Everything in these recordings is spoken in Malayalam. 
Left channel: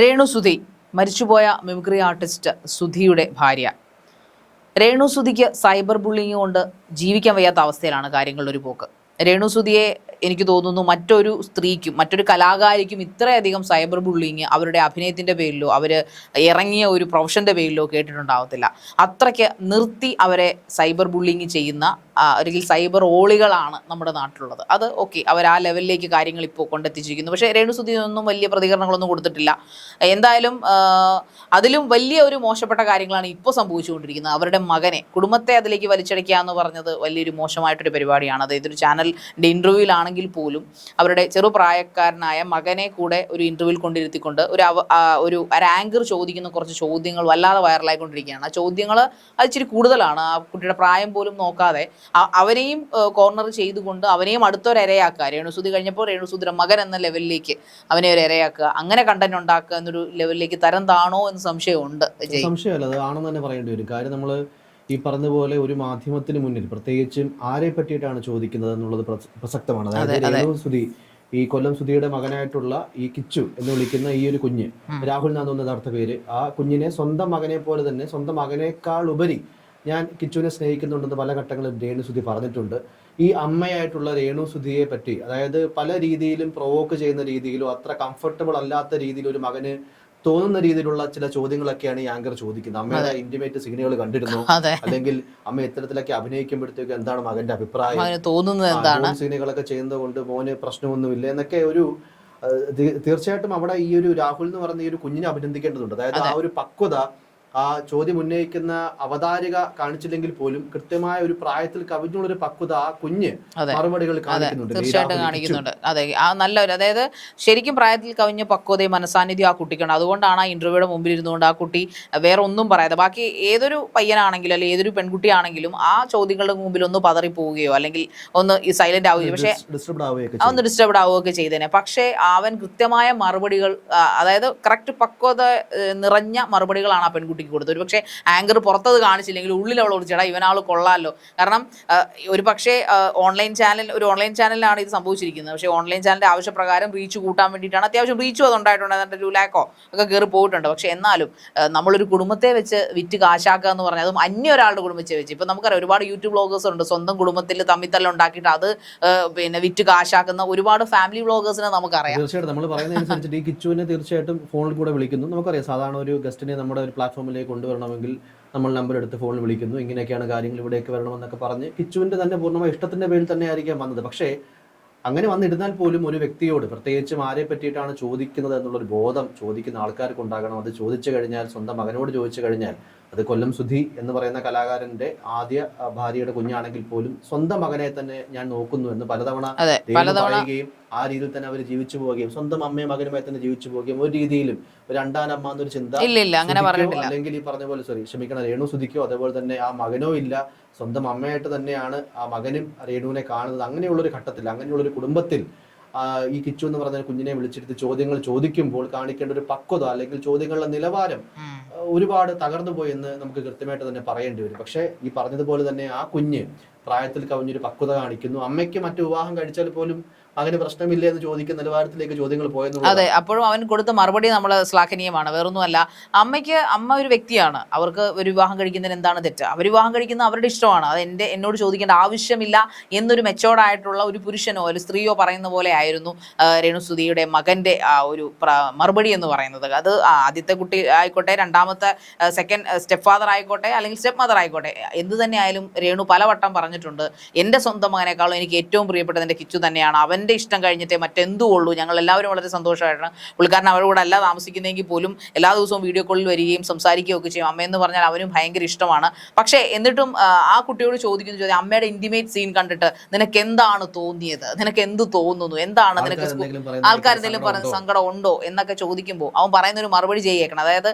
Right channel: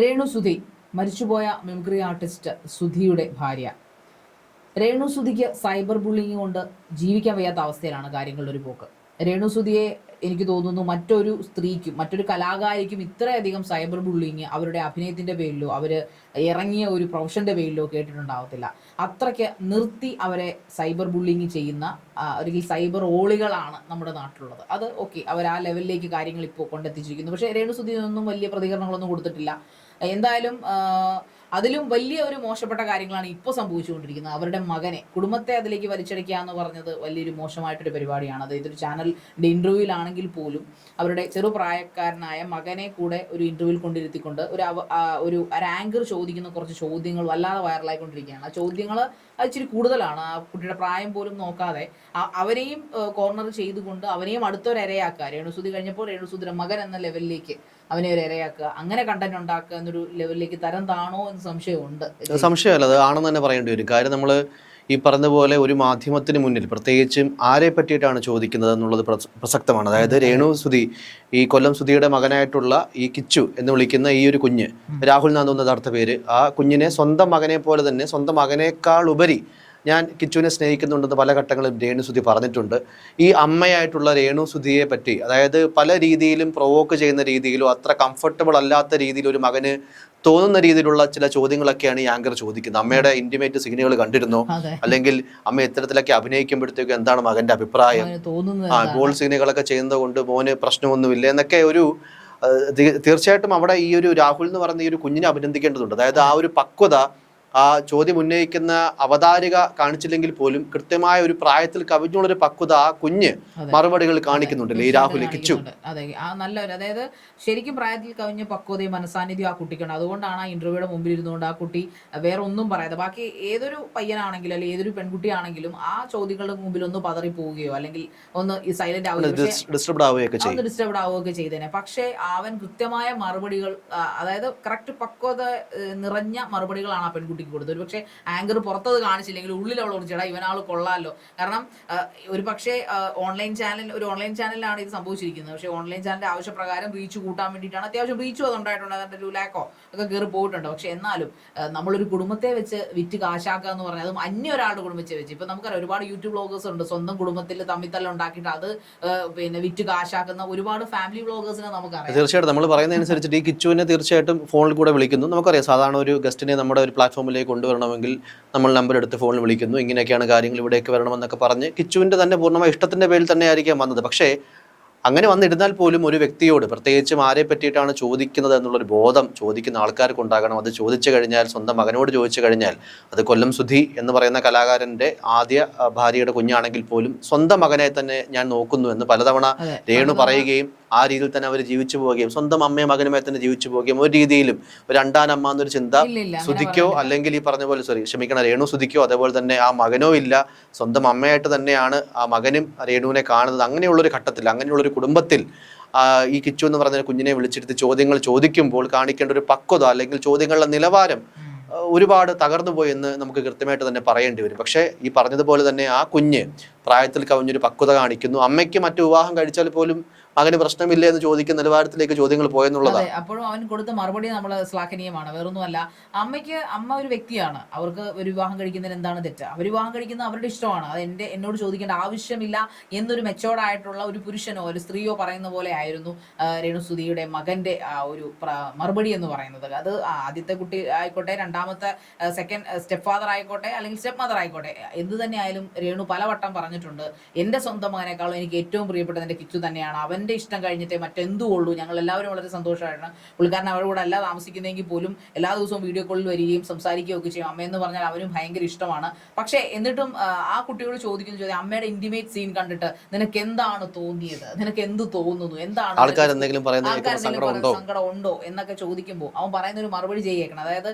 രേണു സുധി മരിച്ചുപോയ മിമിക്രി ആർട്ടിസ്റ്റ് സുധിയുടെ ഭാര്യ. രേണു സുധിക്ക് സൈബർ ബുള്ളിങ് കൊണ്ട് ജീവിക്കാൻ വയ്യാത്ത അവസ്ഥയിലാണ് കാര്യങ്ങളുടെ ഒരു പോക്ക്. രേണു സുധിയെ എനിക്ക് തോന്നുന്നു മറ്റൊരു സ്ത്രീക്കും മറ്റൊരു കലാകാരിക്കും ഇത്രയധികം സൈബർ ബുള്ളിങ് അവരുടെ അഭിനയത്തിന്റെ പേരിലോ അവർ ഇറങ്ങിയ ഒരു പ്രൊഫഷന്റെ പേരിലോ കേട്ടിട്ടുണ്ടാവത്തില്ല. അത്രയ്ക്ക് നിർത്തി അവരെ സൈബർ ബുള്ളിങ് ചെയ്യുന്ന അല്ലെങ്കിൽ സൈബർ ഓളികളാണ് നമ്മുടെ നാട്ടിലുള്ളത്. അത് ഓക്കെ അവർ ആ ലെവലിലേക്ക് കാര്യങ്ങൾ ഇപ്പോൾ കൊണ്ടെത്തിച്ചിരിക്കുന്നു. പക്ഷേ രേണു സുധി ഒന്നും വലിയ പ്രതികരണങ്ങളൊന്നും കൊടുത്തിട്ടില്ല. എന്തായാലും അതിലും വലിയ ഒരു മോശപ്പെട്ട കാര്യങ്ങളാണ് ഇപ്പോൾ സംഭവിച്ചുകൊണ്ടിരിക്കുന്നത്. അവരുടെ മകനെ കുടുംബത്തെ അതിലേക്ക് വലിച്ചടയ്ക്കുക എന്ന് പറഞ്ഞത് വലിയൊരു മോശമായിട്ടൊരു പരിപാടിയാണ്. അത് ഇതൊരു ചാനലിന്റെ ഇന്റർവ്യൂവിലാണെങ്കിൽ പോലും അവരുടെ ചെറുപ്രായക്കാരനായ മകനെ കൂടെ ഒരു ഇന്റർവ്യൂവിൽ കൊണ്ടിരുത്തിക്കൊണ്ട് ഒരു ഒരു ആങ്കർ ചോദിക്കുന്ന കുറച്ച് ചോദ്യങ്ങൾ വല്ലാതെ വൈറലായിക്കൊണ്ടിരിക്കുകയാണ് ആ ചോദ്യങ്ങൾ അത് ഇച്ചിരി കൂടുതലാണ്. ആ കുട്ടിയുടെ പ്രായം പോലും നോക്കാതെ അവരെയും കോർണർ ചെയ്തുകൊണ്ട് അവനെയും അടുത്തൊരു ഇരയാക്കുക രേണുസുതി കഴിഞ്ഞപ്പോൾ രേണുസുതിയുടെ മകൻ എന്ന ലെവലിലേക്ക് അവനെ ഒരു ഇരയാക്കുക അങ്ങനെ കണ്ടന്റ് ഉണ്ടാക്കുക എന്നൊരു ലെവലിലേക്ക് തരം താണോ എന്ന് സംശയമുണ്ട്. സംശയമല്ല അത് ആണെന്ന് തന്നെ പറയേണ്ടി വരും. കാര്യം നമ്മൾ ഈ പറഞ്ഞ പോലെ ഒരു മാധ്യമത്തിന് മുന്നിൽ പ്രത്യേകിച്ചും ആരെ പറ്റിയിട്ടാണ് ചോദിക്കുന്നത് എന്നുള്ളത് പ്രസക്തമാണ് അതായത് അതെ, അതെ. രേണു സുധി ഈ കൊല്ലം സുധിയുടെ മകനായിട്ടുള്ള ഈ കിച്ചു എന്ന് വിളിക്കുന്ന ഈ ഒരു കുഞ്ഞ് രാഹുൽ തോന്നുന്നത് യഥാർത്ഥ പേര് ആ കുഞ്ഞിനെ സ്വന്തം മകനെ പോലെ തന്നെ സ്വന്തം മകനേക്കാൾ ഉപരി ഞാൻ കിച്ചുവിനെ സ്നേഹിക്കുന്നുണ്ടെന്ന് പല ഘട്ടങ്ങളിലും രേണു സുധി പറഞ്ഞിട്ടുണ്ട്. ഈ അമ്മയായിട്ടുള്ള രേണു സുധിയെ പറ്റി അതായത് പല രീതിയിലും പ്രൊവോക്ക് ചെയ്യുന്ന രീതിയിലോ അത്ര കംഫർട്ടബിൾ അല്ലാത്ത രീതിയിൽ ഒരു മകന് തോന്നുന്ന രീതിയിലുള്ള ചില ചോദ്യങ്ങളൊക്കെയാണ് ഈ ആങ്കർ ചോദിക്കുന്നത്. അമ്മയുടെ ഇന്റിമേറ്റ് സീനുകൾ കണ്ടിരുന്നു. അല്ലെങ്കിൽ അമ്മ ഇത്തരത്തിലൊക്കെ അഭിനയിക്കുമ്പോഴത്തേക്കും എന്താണ് മകന്റെ അഭിപ്രായം? ഗോൾ സീനുകളൊക്കെ ചെയ്യുന്നത് കൊണ്ട് മോന് പ്രശ്നമൊന്നുമില്ല എന്നൊക്കെ ഒരു തീർച്ചയായിട്ടും അവിടെ ഈ ഒരു രാഹുൽ എന്ന് പറയുന്ന ഈ ഒരു കുഞ്ഞിനെ അഭിനന്ദിക്കേണ്ടതുണ്ട്. അതായത് ആ ഒരു പക്വത ആ ചോദ്യം ഉന്നയിക്കുന്ന അവതാരിക കാണിച്ചില്ലെങ്കിൽ പോലും കൃത്യമായ ഒരു പ്രായത്തിൽ കവിഞ്ഞുള്ളൊരു പക്വത ആ കുഞ്ഞ് മറുപടികൾ കാണിക്കുന്നുണ്ട്. അതെ. ആ നല്ലൊരു അതായത് ശരിക്കും പ്രായത്തിൽ കവിഞ്ഞ പക്വതയും മനസാന്നിധ്യം ആ കുട്ടിക്കുണ്ട് അതുകൊണ്ടാണ് ആ ഇന്റർവ്യൂയുടെ മുമ്പിൽ ഇരുന്നുകൊണ്ട് ആ കുട്ടി വേറെ ഒന്നും പറയാതെ ബാക്കി ഏതൊരു പയ്യനാണെങ്കിലും അല്ലെങ്കിൽ ഏതൊരു പെൺകുട്ടിയാണെങ്കിലും ആ ചോദ്യങ്ങളുടെ മുമ്പിൽ ഒന്ന് പതറി പോവുകയോ അല്ലെങ്കിൽ ഒന്ന് ഈ സൈലന്റ് ആവുകയോ. പക്ഷേ ഡിസ്റ്റർബ്ഡ് ആവുകയൊക്കെ ഒന്ന് ഡിസ്റ്റർബ്ഡ് ആവുകയൊക്കെ ചെയ്തേനെ. പക്ഷേ അവൻ കൃത്യമായ മറുപടികൾ അതായത് കറക്റ്റ് പക്വത നിറഞ്ഞ മറുപടികളാണ് ആ പെൺകുട്ടിക്ക് കൊടുത്തു. ഒരു പക്ഷേ ആങ്കർ പുറത്തത് കാണിച്ചില്ലെങ്കിൽ ഉള്ളിൽ ഒരു ചേട്ടാ ഇവനാൾ കൊള്ളാമല്ലോ കാരണം ഒരു പക്ഷേ ഓൺലൈൻ ചാനൽ ഒരു ഓൺലൈൻ ചാനലിലാണ് ഇത് സംഭവിച്ചിരിക്കുന്നത്. പക്ഷേ ഓൺലൈൻ ചാനലിന്റെ ആവശ്യപ്രകാരം റീച്ച് കൂട്ടാൻ വേണ്ടിയിട്ടാണ് അത്യാവശ്യം റീച്ച് അത് ഉണ്ടായിട്ടുണ്ട് എന്നിട്ട് ടു ലാക്കോ ഒക്കെ കയറി പോയിട്ടുണ്ട്. പക്ഷേ എന്നാലും നമ്മളൊരു കുടുംബത്തെ വെച്ച് വിറ്റ് കാശാക്കുക എന്ന് പറഞ്ഞാൽ അതും അന്യ ഒരാളുടെ കുടുംബത്തെ വെച്ച്. ഇപ്പം നമുക്കറിയാം ഒരുപാട് യൂട്യൂബ് ബ്ലോഗേഴ്സ് ഉണ്ട്. സ്വന്തം കുടുംബത്തിൽ തമ്മിത്തല്ല ഉണ്ടാക്കിയിട്ട് അത് പിന്നെ വിറ്റ് കാശാക്കുന്ന ഒരുപാട് ഫാമിലി വ്ളോഗേഴ്സിനെ നമുക്കറിയാം. തീർച്ചയായിട്ടും നമ്മൾ പറയുന്നതനുസരിച്ചിട്ട് ഈ കിച്ചുവിനെ തീർച്ചയായിട്ടും ഫോണിൽ കൂടെ വിളിക്കുന്നു. നമുക്കറിയാം സാധാരണ ഒരു ഗസ്റ്റിനെ നമ്മുടെ ഒരു പ്ലാറ്റ്ഫോമിലേക്ക് കൊണ്ടുവരണമെങ്കിൽ നമ്മൾ നമ്പർ എടുത്ത് ഫോണിൽ വിളിക്കുന്നു. ഇങ്ങനെയൊക്കെയാണ് കാര്യങ്ങൾ ഇവിടേക്ക് വരണമെന്നൊക്കെ പറഞ്ഞ് കിച്ചുവിന്റെ തന്നെ പൂർണമായ ഇഷ്ടത്തിന്റെ പേരിൽ തന്നെ ആയിരിക്കാം വന്നത്. പക്ഷേ അങ്ങനെ വന്നിരുന്നാൽ പോലും ഒരു വ്യക്തിയോട് പ്രത്യേകിച്ചും ആരെ പറ്റിയിട്ടാണ് ചോദിക്കുന്നത് എന്നുള്ളൊരു ബോധം ചോദിക്കുന്ന ആൾക്കാർക്ക് ഉണ്ടാകണം. അത് ചോദിച്ചു കഴിഞ്ഞാൽ സ്വന്തം മകനോട് ചോദിച്ചു കഴിഞ്ഞാൽ അത് കൊല്ലം സുധി എന്ന് പറയുന്ന കലാകാരന്റെ ആദ്യ ഭാര്യയുടെ കുഞ്ഞാണെങ്കിൽ പോലും സ്വന്തം മകനെ തന്നെ ഞാൻ നോക്കുന്നു എന്ന് പലതവണ രേണു പറയുകയും ആ രീതിയിൽ തന്നെ അവർ ജീവിച്ചു പോവുകയും സ്വന്തം അമ്മയും മകനുമായി തന്നെ ജീവിച്ചു പോവുകയും ഒരു രീതിയിലും ഒരു രണ്ടാനമ്മ എന്നൊരു ചിന്ത സുധിക്കോ അല്ലെങ്കിൽ ഈ പറഞ്ഞ പോലെ സോറി ക്ഷമിക്കണം രേണു സുധിക്കോ അതേപോലെ തന്നെ ആ മകനോ ഇല്ല സ്വന്തം അമ്മയായിട്ട് തന്നെയാണ് ആ മകനും രേണുവിനെ കാണുന്നത്. അങ്ങനെയുള്ളൊരു ഘട്ടത്തിൽ അങ്ങനെയുള്ളൊരു കുടുംബത്തിൽ ഈ കിച്ചു എന്ന് പറഞ്ഞ കുഞ്ഞിനെ വിളിച്ചെടുത്ത് ചോദ്യങ്ങൾ ചോദിക്കുമ്പോൾ കാണിക്കേണ്ട ഒരു പക്വത അല്ലെങ്കിൽ ചോദ്യങ്ങളുടെ നിലവാരം ഒരുപാട് തകർന്നു പോയെന്ന് നമുക്ക് കൃത്യമായിട്ട് തന്നെ പറയേണ്ടി വരും. പക്ഷേ ഈ പറഞ്ഞതുപോലെ തന്നെ ആ കുഞ്ഞ് പ്രായത്തിൽ കവിഞ്ഞൊരു പക്വത കാണിക്കുന്നു. അമ്മയ്ക്ക് മറ്റു വിവാഹം കഴിച്ചാൽ പോലും മകന് പ്രശ്നമില്ല എന്ന് ചോദിക്കുന്ന നിലവാരത്തിലേക്ക് ചോദ്യങ്ങൾ പോയെന്നുള്ളത് അതെ അപ്പോഴും അവൻ കൊടുത്ത മറുപടി നമ്മൾ ശ്ലാഘനീയമാണ്. വേറൊന്നുമല്ല അമ്മയ്ക്ക് അമ്മ ഒരു വ്യക്തിയാണ്. അവർക്ക് ഒരു വിവാഹം കഴിക്കുന്നതിന് എന്താണ് തെറ്റ്? അവർ വിവാഹം കഴിക്കുന്ന അവരുടെ ഇഷ്ടമാണ്. അത് എന്റെ എന്നോട് ചോദിക്കേണ്ട ആവശ്യമില്ല എന്നൊരു മെച്ചോർഡായിട്ടുള്ള ഒരു പുരുഷനോ ഒരു സ്ത്രീയോ പറയുന്ന പോലെ ആയിരുന്നു രേണുസുതിയുടെ മകന്റെ ആ ഒരു മറുപടി എന്ന് പറയുന്നത്. അത് ആദ്യത്തെ കുട്ടി ആയിക്കോട്ടെ രണ്ടാമത്തെ സെക്കൻഡ് സ്റ്റെപ്പ് ഫാദർ ആയിക്കോട്ടെ അല്ലെങ്കിൽ സ്റ്റെപ്പ് മദർ ആയിക്കോട്ടെ എന്ത് തന്നെയായാലും രേണു പലവട്ടം പറഞ്ഞിട്ടുണ്ട് എന്റെ സ്വന്തം മകനേക്കാളും എനിക്ക് ഏറ്റവും പ്രിയപ്പെട്ടത് എന്റെ കിച്ചു തന്നെയാണ്. അവന്റെ ഇഷ്ടം കഴിഞ്ഞിട്ടേ മറ്റെന്തും ഉള്ളൂ. ഞങ്ങൾ എല്ലാവരും വളരെ സന്തോഷമായിട്ടാണ്. പുള്ളിക്കാരൻ അവരുടെ കൂടെ അല്ല താമസിക്കുന്നതെങ്കിൽ പോലും എല്ലാ ദിവസവും വീഡിയോ കോളിൽ വരികയും സംസാരിക്കുകയും ഒക്കെ ചെയ്യും. അമ്മയെന്ന് പറഞ്ഞാൽ അവനും ഭയങ്കര ഇഷ്ടമാണ്. പക്ഷേ എന്നിട്ടും ആ, കുട്ടിയോട് ചോദിക്കുന്ന ചോദ്യം അമ്മയുടെ ഇന്റിമേറ്റ് സീൻ കണ്ടിട്ട് നിനക്ക് എന്താണ് തോന്നിയത്? നിനക്ക് എന്ത് തോന്നുന്നു? എന്താണ് ആൾക്കാർ എന്തെങ്കിലും പറയുന്ന? സങ്കടം ഉണ്ടോ? എന്നൊക്കെ ചോദിക്കുമ്പോൾ അവൻ പറയുന്ന ഒരു മറുപടി ചെയ്യേക്കണം. അതായത്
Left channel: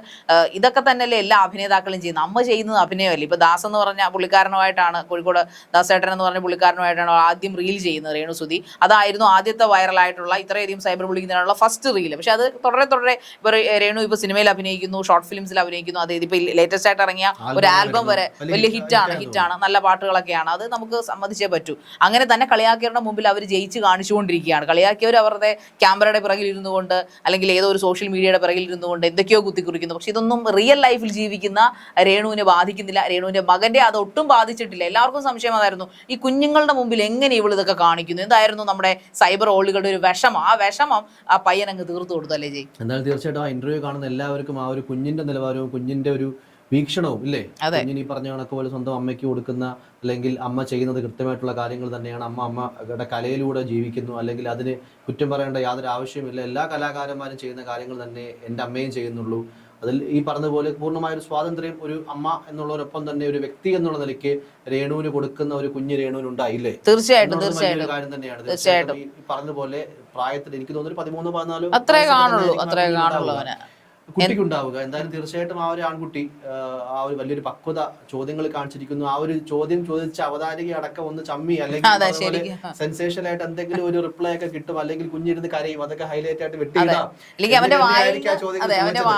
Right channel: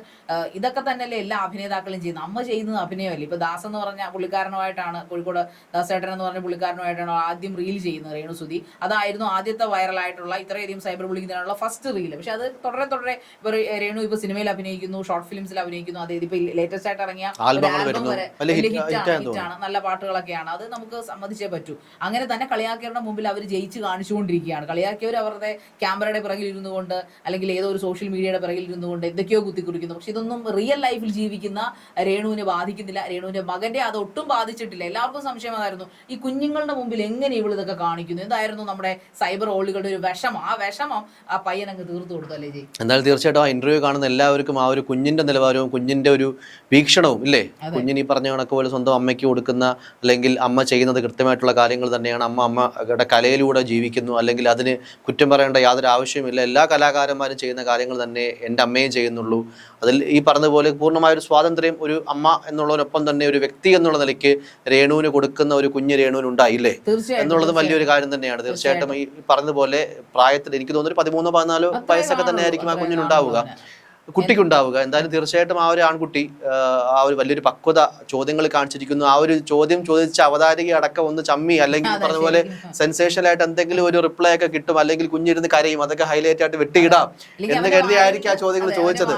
ഇതൊക്കെ തന്നെയല്ലേ എല്ലാ അഭിനേതാക്കളും ചെയ്യുന്നത്? അമ്മ ചെയ്യുന്നത് അഭിനയമല്ലേ? ഇപ്പൊ ദാസ് എന്ന് പറഞ്ഞ പുള്ളിക്കാരനുമായിട്ടാണ് കോഴിക്കോട് ദാസേട്ടൻ എന്ന് പറഞ്ഞ പുള്ളിക്കാരനുമായിട്ടാണ് ആദ്യം റീൽ ചെയ്യുന്നത് രേണുസുതി. അതായിരുന്നു ഇതായിരുന്നു ആദ്യത്തെ വൈറലായിട്ടുള്ള ഇത്രയധികം സൈബർ ബുള്ളിങ്ങിനുള്ള ഫസ്റ്റ് റീൽ പക്ഷെ അത് തുടരെ തുടരെ ഇപ്പൊ രേണു ഇപ്പൊ സിനിമയിൽ അഭിനയിക്കുന്നു ഷോർട്ട് ഫിലിംസിൽ അഭിനയിക്കുന്നു അത് ഇതിപ്പോ ലേറ്റസ്റ്റ് ആയിട്ട് ഇറങ്ങിയ ഒരു ആൽബം വരെ വലിയ ഹിറ്റാണ് ഹിറ്റാണ് നല്ല പാട്ടുകളൊക്കെയാണ്. അത് നമുക്ക് സമ്മതിച്ചേ പറ്റൂ. അങ്ങനെ തന്നെ കളിയാക്കിയവരുടെ മുമ്പിൽ അവർ ജയിച്ച് കാണിച്ചുകൊണ്ടിരിക്കുകയാണ്. കളിയാക്കിയവർ അവരുടെ ക്യാമറയുടെ പിറകിൽ ഇരുന്നു കൊണ്ട് അല്ലെങ്കിൽ ഏതോ ഒരു സോഷ്യൽ മീഡിയയുടെ പിറകിൽ ഇരുന്നു കൊണ്ട് എന്തൊക്കെയോ കുത്തിക്കുറിക്കുന്നു. പക്ഷെ ഇതൊന്നും റിയൽ ലൈഫിൽ ജീവിക്കുന്ന രേണുവിനെ ബാധിക്കുന്നില്ല. രേണുവിന്റെ മകന്റെ അത് ഒട്ടും ബാധിച്ചിട്ടില്ല. എല്ലാവർക്കും സംശയം അതായിരുന്നു. ഈ കുഞ്ഞുങ്ങളുടെ മുമ്പിൽ എങ്ങനെ ഇവൾ ഇതൊക്കെ കാണിക്കുന്നു? എന്തായിരുന്നു നമ്മുടെ സൈബർ ഓളുകളുടെ ഒരു വിഷമം. ആ വിഷമം ആ പയ്യൻ അങ്ങ് തീർത്തു കൊടുത്തല്ലേ ജി? എന്തായാലും തീർച്ചയായിട്ടും ആ ഇന്റർവ്യൂ കാണുന്ന എല്ലാവർക്കും ആ ഒരു കുഞ്ഞിന്റെ നിലവാരവും കുഞ്ഞിന്റെ ഒരു വീക്ഷണവും ഇല്ലേ. കുഞ്ഞിന് ഈ പറഞ്ഞ കണക്ക് പോലെ സ്വന്തം അമ്മയ്ക്ക് കൊടുക്കുന്ന അല്ലെങ്കിൽ അമ്മ ചെയ്യുന്നത് കൃത്യമായിട്ടുള്ള കാര്യങ്ങൾ തന്നെയാണ് അമ്മ അമ്മയുടെ കലയിലൂടെ ജീവിക്കുന്നു. അല്ലെങ്കിൽ അതിന് കുറ്റം പറയേണ്ട യാതൊരു ആവശ്യമില്ല എല്ലാ കലാകാരന്മാരും ചെയ്യുന്ന കാര്യങ്ങൾ തന്നെ എന്റെ അമ്മയും ചെയ്യുന്നുള്ളൂ. അതിൽ ഈ പറഞ്ഞതുപോലെ പൂർണമായ ഒരു സ്വാതന്ത്ര്യം ഒരു അമ്മ എന്നുള്ളതിനൊപ്പം തന്നെ ഒരു വ്യക്തി എന്നുള്ള നിലയ്ക്ക് രേണുവിന് കൊടുക്കുന്ന ഒരു കുഞ്ഞ് രേണുവിന് ഉണ്ടായില്ലേ തീർച്ചയായിട്ടും വലിയൊരു. കാര്യം തന്നെയാണ്. തീർച്ചയായിട്ടും ഈ പറഞ്ഞതുപോലെ പ്രായത്തിൽ എനിക്ക് തോന്നുന്നു പതിമൂന്നോ പതിനാലോ വയസ്സൊക്കെ തന്നെ ആയിരിക്കും ആ കുഞ്ഞിനുണ്ടാവുക കുട്ടിക്ക് ഉണ്ടാവുക. എന്തായാലും തീർച്ചയായിട്ടും ആ ഒരു ആൺകുട്ടി ആ, ഒരു വലിയൊരു പക്വത ചോദ്യങ്ങൾ കാണിച്ചിരിക്കുന്നു. ആ ഒരു ചോദ്യം ചോദിച്ച അവതാരിക അടക്കം ഒന്ന് ചമ്മി അല്ലെങ്കിൽ അതുപോലെ സെൻസേഷൻ സെൻസേഷണൽ ആയിട്ട് എന്തെങ്കിലും ഒരു റിപ്ലൈ ഒക്കെ കിട്ടും. അല്ലെങ്കിൽ കുഞ്ഞിരുന്ന് കരയും. അതൊക്കെ ഹൈലൈറ്റ് ആയിട്ട് വെട്ടിയിടാം. ആ ചോദ്യങ്ങൾ ചോദിച്ചത്.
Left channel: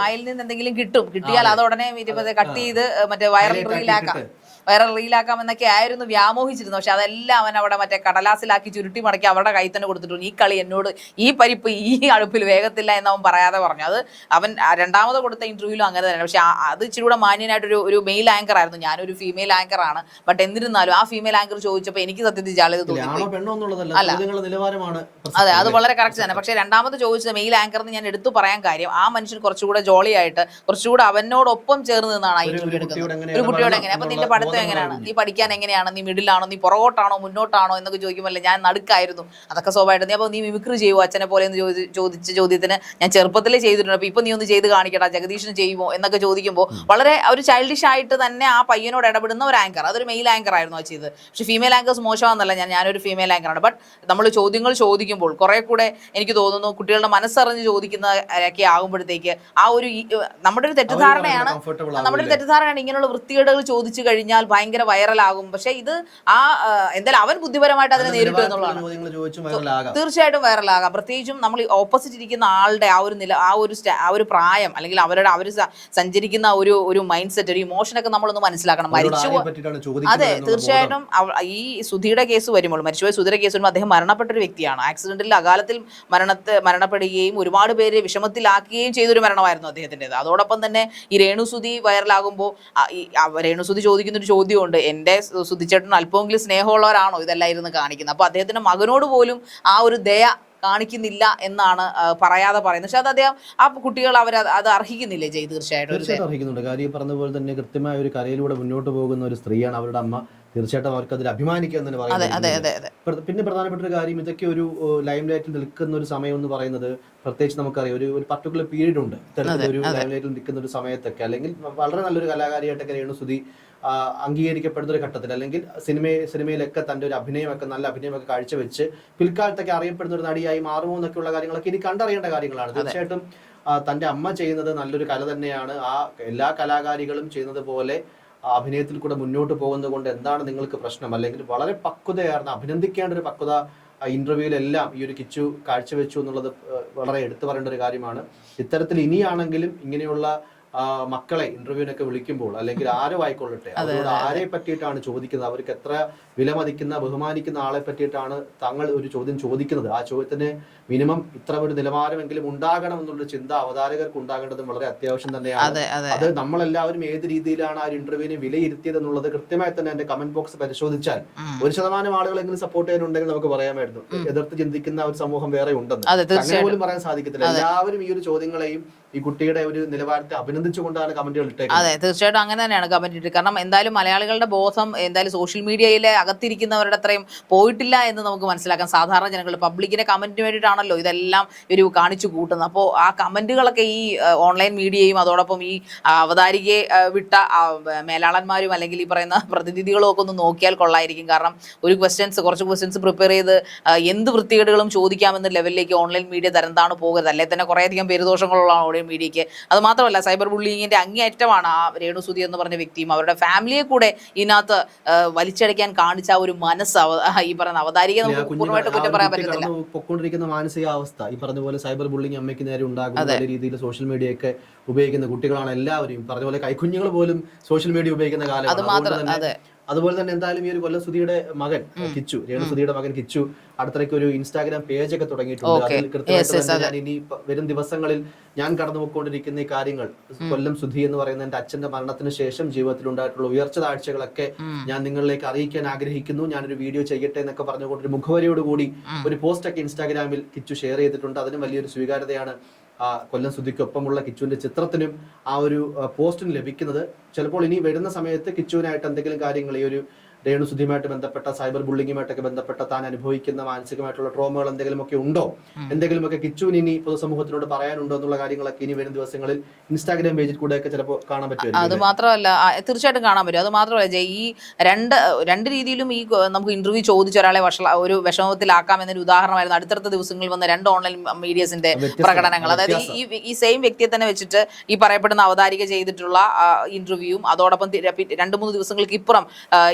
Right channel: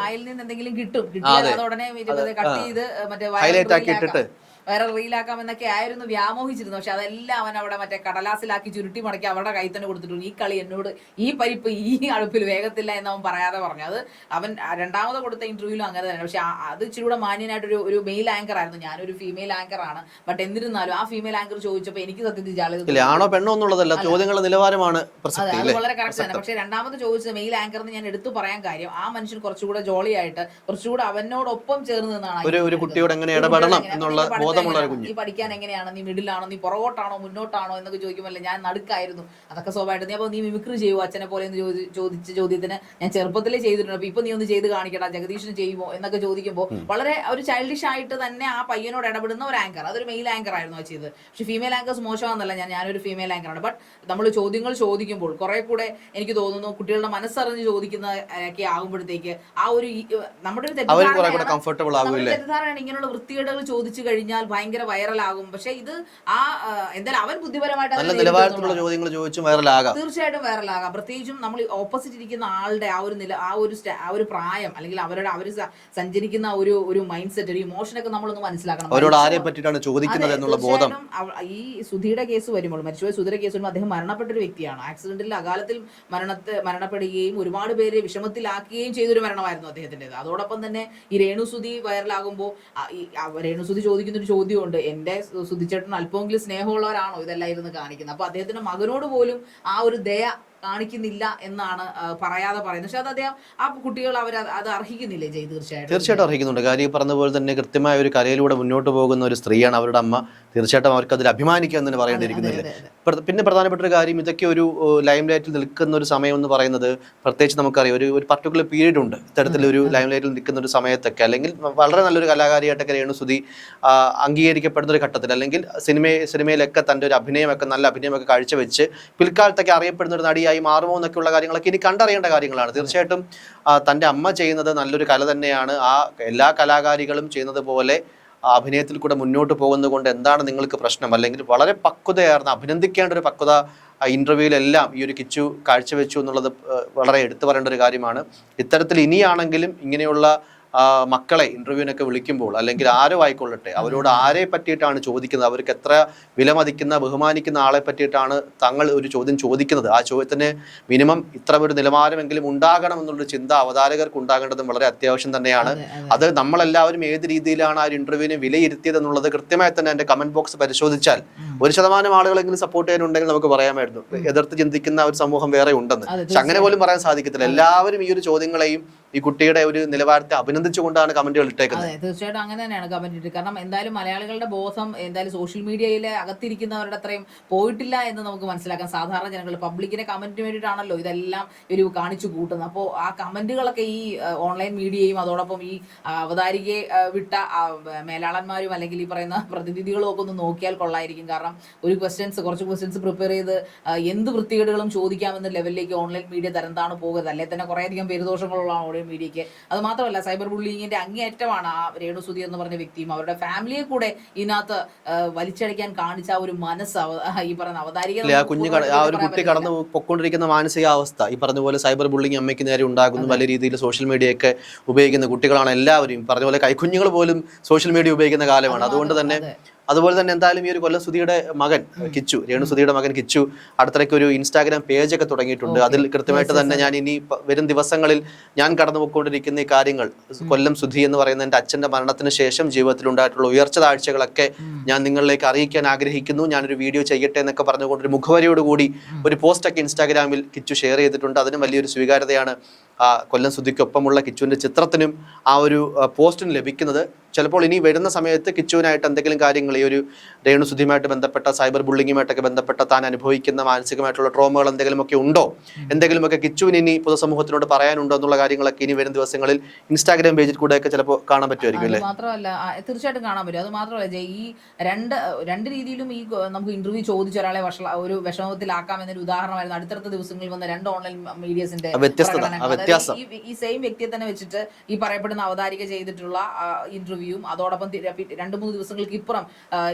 കിട്ടും. കിട്ടിയാൽ അതെ. അത്. ഉടനെ ഇരുപത് കട്ട് ചെയ്ത് മറ്റേ ഹൈലൈറ്റ് ആക്കി ഇട്ടിട്ട്. വൈറൽ റീലാക്കാമെന്നൊക്കെ ആയിരുന്നു വ്യാമോഹിച്ചിരുന്നു പക്ഷെ അതെല്ലാം അവൻ അവിടെ മറ്റേ കടലാസിലാക്കി ചുരുട്ടി മടക്കി അവരുടെ കൈ തന്നെ കൊടുത്തിട്ടുണ്ട്. ഈ കളി എന്നോട് ഈ പരിപ്പ് ഈ അടുപ്പിൽ വേഗത്തില്ല എന്ന് അവൻ പറയാതെ പറഞ്ഞു. അത് അവൻ രണ്ടാമത് കൊടുത്ത ഇന്റർവ്യൂലും അങ്ങനെ തന്നെ. പക്ഷെ അത് ഇച്ചിരി കൂടെ മാന്യനായിട്ടൊരു ഒരു മെയിൽ ആങ്കർ ആയിരുന്നു. ഞാനൊരു ഫീമെയിൽ ആങ്കർ ആണ്. ബട്ട് എന്നിരുന്നാലും ആ ഫീമെയിൽ ആങ്കർ ചോദിച്ചപ്പോൾ എനിക്ക് സത്യത്തിൽ ജാള്യത ഇല്ല ആണോ പെണ്ണോ എന്നുള്ളതല്ല. അല്ല. നിലവാരമാണ് അതെ അത് വളരെ കറക്റ്റ് തന്നെ. പക്ഷെ രണ്ടാമത് ചോദിച്ചത് മെയിൽ ആങ്കർ എന്ന് ഞാൻ എടുത്തു പറയാൻ കാര്യം ആ മനുഷ്യൻ കുറച്ചുകൂടെ ജോളിയായിട്ട് കുറച്ചുകൂടെ അവനോടൊപ്പം ചേർന്ന് നിന്നാണ് ഒരു. കുട്ടിയോട് ഒരു എങ്ങനെയാണ് നീ പഠിക്കാൻ എങ്ങനെയാണ്? നീ മിഡിലാണോ? നീ പുറകോട്ടാണോ മുന്നോട്ടാണോ? എന്നൊക്കെ ചോദിക്കുമല്ലോ ഞാൻ നടുക്കായിരുന്നു. അതൊക്കെ സ്വാഭാവികം നീ അപ്പോൾ നീ മിമിക്രി ചെയ്യുമോ അച്ഛനെ പോലെ എന്ന് ചോദി ചോദിച്ച ചോദ്യത്തിന് ഞാൻ ചെറുപ്പത്തിലേ ചെയ്തിട്ടുണ്ട്. അപ്പൊ ഇപ്പൊ നീ ഒന്ന് ചെയ്ത് കാണിക്കടാ. ജഗദീഷിന് ചെയ്യുമോ എന്നൊക്കെ ചോദിക്കുമ്പോൾ വളരെ ഒരു ചൈൽഡിഷ് ആയിട്ട് തന്നെ ആ പയ്യനോട് ഇടപെടുന്ന ഒരു ആങ്കർ അതൊരു മെയിൽ ആങ്കർ ആയിരുന്നു ആ ചെയ്തത്. പക്ഷെ ഫീമെയിൽ ആങ്കേഴ്സ് മോശമാണെന്നല്ല ഞാൻ ഞാനൊരു ഫീമെയിൽ ആങ്കറാണ് ബട്ട് നമ്മൾ ചോദ്യങ്ങൾ ചോദിക്കുമ്പോൾ കുറെ കൂടെ എനിക്ക് തോന്നുന്നു കുട്ടികളുടെ മനസ്സറിഞ്ഞ് ചോദിക്കുന്നതൊക്കെ ആകുമ്പോഴത്തേക്ക് ആ ഒരു നമ്മുടെ ഒരു തെറ്റിദ്ധാരണയാണ് നമ്മുടെ തെറ്റിദ്ധാരണയാണ് ഇങ്ങനെയുള്ള വൃത്തികേടുകൾ ചോദിച്ചു കഴിഞ്ഞാൽ ഭയങ്കര വൈറലാകും. പക്ഷെ ഇത് ആ എന്തായാലും അവൻ ബുദ്ധിപരമായിട്ട് അതിനെ നേരിടുക തീർച്ചയായിട്ടും വൈറലാകാം. പ്രത്യേകിച്ചും നമ്മൾ ഓപ്പോസിറ്റ് ഇരിക്കുന്ന ആളുടെ ആ ഒരു നില ആ ഒരു ആ ഒരു പ്രായം അല്ലെങ്കിൽ അവരുടെ അവർ സഞ്ചരിക്കുന്ന ഒരു ഒരു മൈൻഡ് സെറ്റ് ഒരു ഇമോഷനൊക്കെ നമ്മളൊന്ന് മനസ്സിലാക്കണം. അതെ തീർച്ചയായിട്ടും ഈ സുധിയുടെ കേസ് വരുമ്പോൾ മരിച്ചുപോയ സുധിയുടെ കേസ് വരുമ്പോൾ അദ്ദേഹം മരണപ്പെട്ട ഒരു വ്യക്തിയാണ് ആക്സിഡന്റിൽ അകാലത്തിൽ മരണത്തെ മരണപ്പെടുകയും ഒരുപാട് പേര് വിഷമത്തിലാക്കുകയും ചെയ്തൊരു മരണമായിരുന്നു അദ്ദേഹത്തിന്റെത്. അതോടൊപ്പം തന്നെ ഈ രേണുസുതി വൈറലാകുമ്പോൾ രേണുസുതി ചോദിക്കുന്ന ഒരു ചോദ്യമുണ്ട്. എന്റെ സുധിച്ചേട്ടൻ അല്പമെങ്കിലും സ്നേഹമുള്ളവരാണോ ഇതെല്ലാം കാണിക്കുന്നത്? അപ്പോൾ അദ്ദേഹത്തിന്റെ മകനോട് പോലും ആ ഒരു ദയ കാണിക്കുന്നില്ല എന്നാണ് പറയാതെ പറയുന്നത്. പക്ഷെ അത് അദ്ദേഹം ആ കുട്ടികൾ അവർ അത് അർഹിക്കുന്നില്ലേ ജയ്? തീർച്ചയായിട്ടും. തീർച്ചയായിട്ടും അർഹിക്കുന്നുണ്ട്. കാര്യം പറഞ്ഞ പോലെ തന്നെ കൃത്യമായ ഒരു കലയിലൂടെ മുന്നോട്ട് പോകുന്ന ഒരു സ്ത്രീയാണ് അവരുടെ അമ്മ. തീർച്ചയായിട്ടും അവർക്ക് അതിൽ അഭിമാനിക്കുക എന്ന് പറയുന്നത് പിന്നെ പ്രധാനപ്പെട്ട ഒരു കാര്യം ഇതൊക്കെ ഒരു ലൈം ലൈറ്റിൽ നിൽക്കുന്ന ഒരു സമയം എന്ന് പറയുന്നത് പ്രത്യേകിച്ച് നമുക്കറിയാം ഒരു ഒരു പർട്ടിക്കുലർ പീരീഡ് ഉണ്ട്. ഇത്തരത്തിലൊരു ലൈം ലൈറ്റിൽ നിൽക്കുന്ന ഒരു സമയത്തൊക്കെ അല്ലെങ്കിൽ വളരെ നല്ലൊരു കലാകാരിയായിട്ടൊക്കെ രേണുസുതി അംഗീകരിക്കപ്പെടുന്ന ഒരു ഘട്ടത്തിൽ അല്ലെങ്കിൽ സിനിമ സിനിമയിലൊക്കെ തന്റെ ഒരു അഭിനയമൊക്കെ നല്ല അഭിനയമൊക്കെ കാഴ്ചവെച്ച് പിൽക്കാലത്തൊക്കെ അറിയപ്പെടുന്ന ഒരു നടിയായി മാറുമോ എന്നൊക്കെയുള്ള കാര്യങ്ങളൊക്കെ ഇനി കണ്ടറിയേണ്ട കാര്യങ്ങളാണ്. തീർച്ചയായിട്ടും തന്റെ അമ്മ ചെയ്യുന്നത് നല്ലൊരു കല തന്നെയാണ്. ആ എല്ലാ കലാകാരികളും ചെയ്യുന്നത് പോലെ അഭിനയത്തിൽ കൂടെ മുന്നോട്ട് പോകുന്നത് കൊണ്ട് എന്താണ് നിങ്ങൾക്ക് പ്രശ്നം? അല്ലെങ്കിൽ വളരെ പക്വതയാർന്ന അഭിനന്ദിക്കേണ്ട ഒരു പക്വത ആ ഇന്റർവ്യൂവിലെല്ലാം ഈ ഒരു കിച്ചു കാഴ്ചവെച്ചു എന്നുള്ളത് വളരെ എടുത്തു പറയേണ്ട ഒരു കാര്യമാണ്. ഇത്തരത്തിൽ ഇനിയാണെങ്കിലും ഇങ്ങനെയുള്ള മക്കളെ ഇന്റർവ്യൂവിനൊക്കെ വിളിക്കുമ്പോൾ അല്ലെങ്കിൽ ആരോ ആയിക്കൊള്ളട്ടെ അവരോട് ആരെ പറ്റിയിട്ടാണ് ചോദിക്കുന്നത്? അവർക്ക് എത്ര വിലമതിക്കുന്ന ബഹുമാനിക്കുന്ന ആളെ പറ്റിയിട്ടാണ് തങ്ങൾ ഒരു ചോദ്യം ചോദിക്കുന്നത്? ആ ചോദ്യത്തിന് മിനിമം ഇത്ര ഒരു നിലവാരമെങ്കിലും ഉണ്ടാകണം എന്നുള്ള ചിന്ത അവതാരകർക്ക് ഉണ്ടാകേണ്ടതും വളരെ അത്യാവശ്യം തന്നെയാണ്. അതെ നമ്മളെല്ലാവരും ഏത് രീതിയിലാണ് ആ ഒരു ഇന്റർവ്യൂവിനെ വിലയിരുത്തിയത് എന്നുള്ളത് കൃത്യമായി തന്നെ എന്റെ കമന്റ് ബോക്സ് പരിശോധിച്ചാൽ ഒരു ശതമാനം ആളുകളെങ്കിലും സപ്പോർട്ട് ചെയ്യാനുണ്ടെങ്കിൽ നമുക്ക് പറയാമായിരുന്നു. എതിർത്ത് ചിന്തിക്കുന്ന ഒരു സമൂഹം വേറെ ഉണ്ടെന്ന്. അങ്ങനെ പോലും പറയാൻ സാധിക്കത്തില്ല. എല്ലാവരും ഈ ഒരു ചോദ്യങ്ങളെയും ഈ കുട്ടിയുടെ ഒരു നിലവാരത്തെ അഭിനന്ദിച്ചുകൊണ്ടാണ് കമന്റുകൾ ഇട്ടേക്കുന്നത്. അതെ തീർച്ചയായിട്ടും അങ്ങനെ തന്നെയാണ് കമന്റ് ഇട്ടത് കാരണം എന്തായാലും മലയാളികളുടെ ബോധം എന്തായാലും സോഷ്യൽ മീഡിയയിലെ അകത്തിരിക്കുന്നവരുടെ അത്രയും പോയിട്ടില്ല എന്ന് നമുക്ക് മനസ്സിലാക്കാം. സാധാരണ ജനങ്ങൾ പബ്ലിക്കിന്റെ കമന്റിന് വേണ്ടിയിട്ടാണല്ലോ ഇതെല്ലാം ഒരു കാണിച്ചു കൂട്ടുന്നത്. അപ്പോൾ ആ കമന്റുകളൊക്കെ ഈ ഓൺലൈൻ മീഡിയയും അതോടൊപ്പം ഈ അവതാരികയെ വിട്ട മേലാളന്മാരും അല്ലെങ്കിൽ ഈ പറയുന്ന പ്രതിനിധികളും ഒക്കെ ഒന്ന് നോക്കിയാൽ കൊള്ളായിരിക്കും. കാരണം ഒരു ക്വസ്റ്റ്യൻസ് കുറച്ച് ക്വസ്റ്റ്യൻസ് പ്രിപ്പയർ ചെയ്ത് എന്ത് വൃത്തികേടുകളും ചോദിക്കാമെന്ന ലെവലിലേക്ക് ഓൺലൈൻ മീഡിയ തരംതാണ് പോകരുത്. അല്ലെങ്കിൽ തന്നെ കുറേയധികം പേരുദോഷങ്ങളുള്ള സോഷ്യൽ മീഡിയയ്ക്ക്. അത് മാത്രമല്ല സൈബർ ബുള്ളിങ്ങിന്റെ അങ്ങേയറ്റമാണ് ആ രേണുസുതി എന്ന് പറഞ്ഞ വ്യക്തിയും അവരുടെ ഫാമിലിയെ കൂടെ ഇതിനകത്ത് വലിച്ചടിക്കാൻ വലിച്ചടയ്ക്കാൻ കാണിച്ച ആ ഒരു മനസ്സ് ഈ പറഞ്ഞ അവതാരിക ഇല്ല, ആ നമുക്ക് കുഞ്ഞ് പൂർണമായിട്ട് കട- ആ കുറ്റം ഒരു പറയാൻ കുട്ടി പറ്റുന്നില്ല. കടന്നു പൊക്കൊണ്ടിരിക്കുന്ന മാനസികാവസ്ഥ. ഈ പറഞ്ഞ പോലെ സൈബർ ബുള്ളിങ് അമ്മയ്ക്ക് നേരെ ഉണ്ടാകുന്ന നല്ല രീതിയിൽ സോഷ്യൽ മീഡിയ ഒക്കെ ഉപയോഗിക്കുന്ന കുട്ടികളാണ് എല്ലാവരും. പറഞ്ഞ പോലെ കൈക്കുഞ്ഞുങ്ങൾ പോലും സോഷ്യൽ മീഡിയ ഉപയോഗിക്കുന്ന കാലമാണ്. അതുകൊണ്ട് തന്നെ അതുപോലെ തന്നെ എന്തായാലും ഈ ഒരു കൊല്ലം സുധിയുടെ മകൻ കിച്ചു രേണു സുധിയുടെ മകൻ കിച്ചു അടുത്തിടയ്ക്ക് ഒരു ഇൻസ്റ്റാഗ്രാം പേജ് ഒക്കെ തുടങ്ങിയിട്ടുണ്ട്. അതിൽ കൃത്യമായിട്ട് തന്നെ ഞാൻ ഇനി വരും ദിവസങ്ങളിൽ ഞാൻ കടന്നു പോയിക്കൊണ്ടിരിക്കുന്ന ഈ കാര്യങ്ങൾ കൊല്ലം സുധി എന്ന് പറയുന്ന എന്റെ അച്ഛന്റെ മരണത്തിന് ശേഷം ജീവിതത്തിൽ ഉണ്ടായിട്ടുള്ള ഉയർച്ച താഴ്ചകളൊക്കെ ഞാൻ നിങ്ങളിലേക്ക് അറിയിക്കാൻ ആഗ്രഹിക്കുന്നു. ഞാനൊരു വീഡിയോ ചെയ്യട്ടെ എന്നൊക്കെ പറഞ്ഞുകൊണ്ട് ഒരു മുഖവരിയോടുകൂടി ഒരു പോസ്റ്റ് ഒക്കെ ഇൻസ്റ്റാഗ്രാമിൽ കിച്ചു ഷെയർ ചെയ്തിട്ടുണ്ട്. അതിനും വലിയൊരു സ്വീകാര്യതയാണ് കൊല്ലം സുധിക്കൊപ്പമുള്ള കിച്ചുവിന്റെ ചിത്രത്തിനും ആ ഒരു പോസ്റ്റിന് ലഭിക്കുന്നത്. ചിലപ്പോൾ ഇനി വരുന്ന സമയത്ത് കിച്ചുവിനായിട്ട് എന്തെങ്കിലും കാര്യങ്ങൾ ഈ ഒരു രേണു സുധിയുമായിട്ട് ബന്ധപ്പെട്ട സൈബർ ബുള്ളിങ്ങുമായിട്ടൊക്കെ ബന്ധപ്പെട്ട താൻ അനുഭവിക്കുന്ന മാനസികമായിട്ടുള്ള ട്രോമകൾ എന്തെങ്കിലുമൊക്കെ ഉണ്ടോ? എന്തെങ്കിലുമൊക്കെ കിച്ചുവിന് ഇനി പൊതുസമൂഹത്തിനോട് പറയാനുണ്ടോ എന്നുള്ള കാര്യങ്ങളൊക്കെ ഇനി വരും ദിവസങ്ങളിൽ ഇൻസ്റ്റാഗ്രാം പേജിൽ കൂടെയൊക്കെ ചിലപ്പോൾ കാണാൻ പറ്റുമായിരിക്കും അത് മാത്രമല്ല തീർച്ചയായിട്ടും കാണാൻ പറ്റും. അത് മാത്രമല്ല ഈ രണ്ട് രണ്ട് രീതിയിലും ഈ നമുക്ക് ഇന്റർവ്യൂ ചോദിച്ച ഒരാളെ ഒരു വിഷമത്തിലാക്കാം എന്നൊരു ഉദാഹരണമായിരുന്നു അടുത്തടുത്ത ദിവസങ്ങളിൽ വന്ന രണ്ട് ഓൺലൈൻ മീഡിയസിന്റെ പ്രകടനങ്ങൾ. അതായത്. ഈ സെയിം വ്യക്തിയെ തന്നെ വെച്ചിട്ട് ഈ പറയപ്പെടുന്ന അവതാരിക ചെയ്തിട്ടുള്ള ഇന്റർവ്യൂവും അതോടൊപ്പം രണ്ടു മൂന്ന് ദിവസങ്ങൾക്ക് ഇപ്പുറം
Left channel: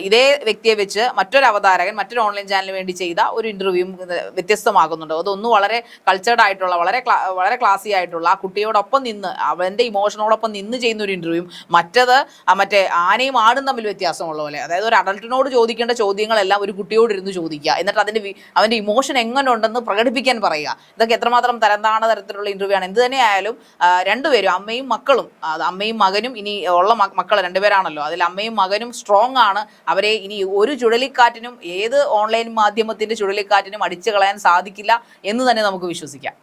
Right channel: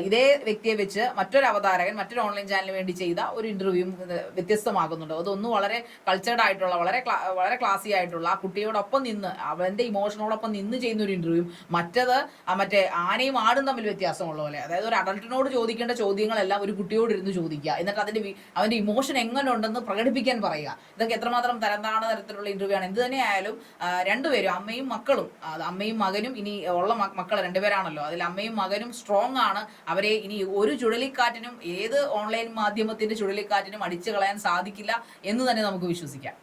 ഇതേ വ്യക്തിയെ വെച്ച് മറ്റൊരു അവതാരകൻ മറ്റൊരു ഓൺലൈൻ ചാനലിന് വേണ്ടി ചെയ്ത ഒരു ഇന്റർവ്യൂവും വ്യത്യസ്തമാകുന്നുണ്ട്. അതൊന്നും വളരെ കൾച്ചേർഡ് ആയിട്ടുള്ള വളരെ വളരെ ക്ലാസി ആയിട്ടുള്ള ആ കുട്ടിയോടൊപ്പം നിന്ന് അവന്റെ ഇമോഷനോടൊപ്പം നിന്ന് ചെയ്യുന്ന ഒരു ഇന്റർവ്യൂ മറ്റത് ആ മറ്റേ ആനയും ആടും തമ്മിൽ വ്യത്യാസമുള്ള പോലെ. അതായത് ഒരു അഡൾട്ടിനോട് ചോദിക്കേണ്ട ചോദ്യങ്ങളെല്ലാം ഒരു കുട്ടിയോട് ഇരുന്ന് ചോദിക്കുക. എന്നിട്ട് അതിന്റെ അവന്റെ ഇമോഷൻ എങ്ങനെ ഉണ്ടെന്ന് പ്രകടിപ്പിക്കാൻ പറയുക. ഇതൊക്കെ എത്രമാത്രം തരംതാണ തരത്തിലുള്ള ഇന്റർവ്യൂ ആണ് എന്ത് തന്നെയായാലും രണ്ടുപേരും അമ്മയും മക്കളും അമ്മയും മകനും ഇനി ഉള്ള മക്കൾ രണ്ടുപേരാണല്ലോ. അതിൽ അമ്മയും മകനും സ്ട്രോങ് ആണ്. അവരെ ഇനി ഒരു ചുഴലിക്കാറ്റിനും ഏത് ഓൺലൈൻ മാധ്യമത്തിന്റെ ചുഴലിക്കാറ്റിനും അടിച്ചു കളയാൻ സാധിക്കില്ല എന്ന് തന്നെ നമുക്ക് വിശ്വസിക്കാം.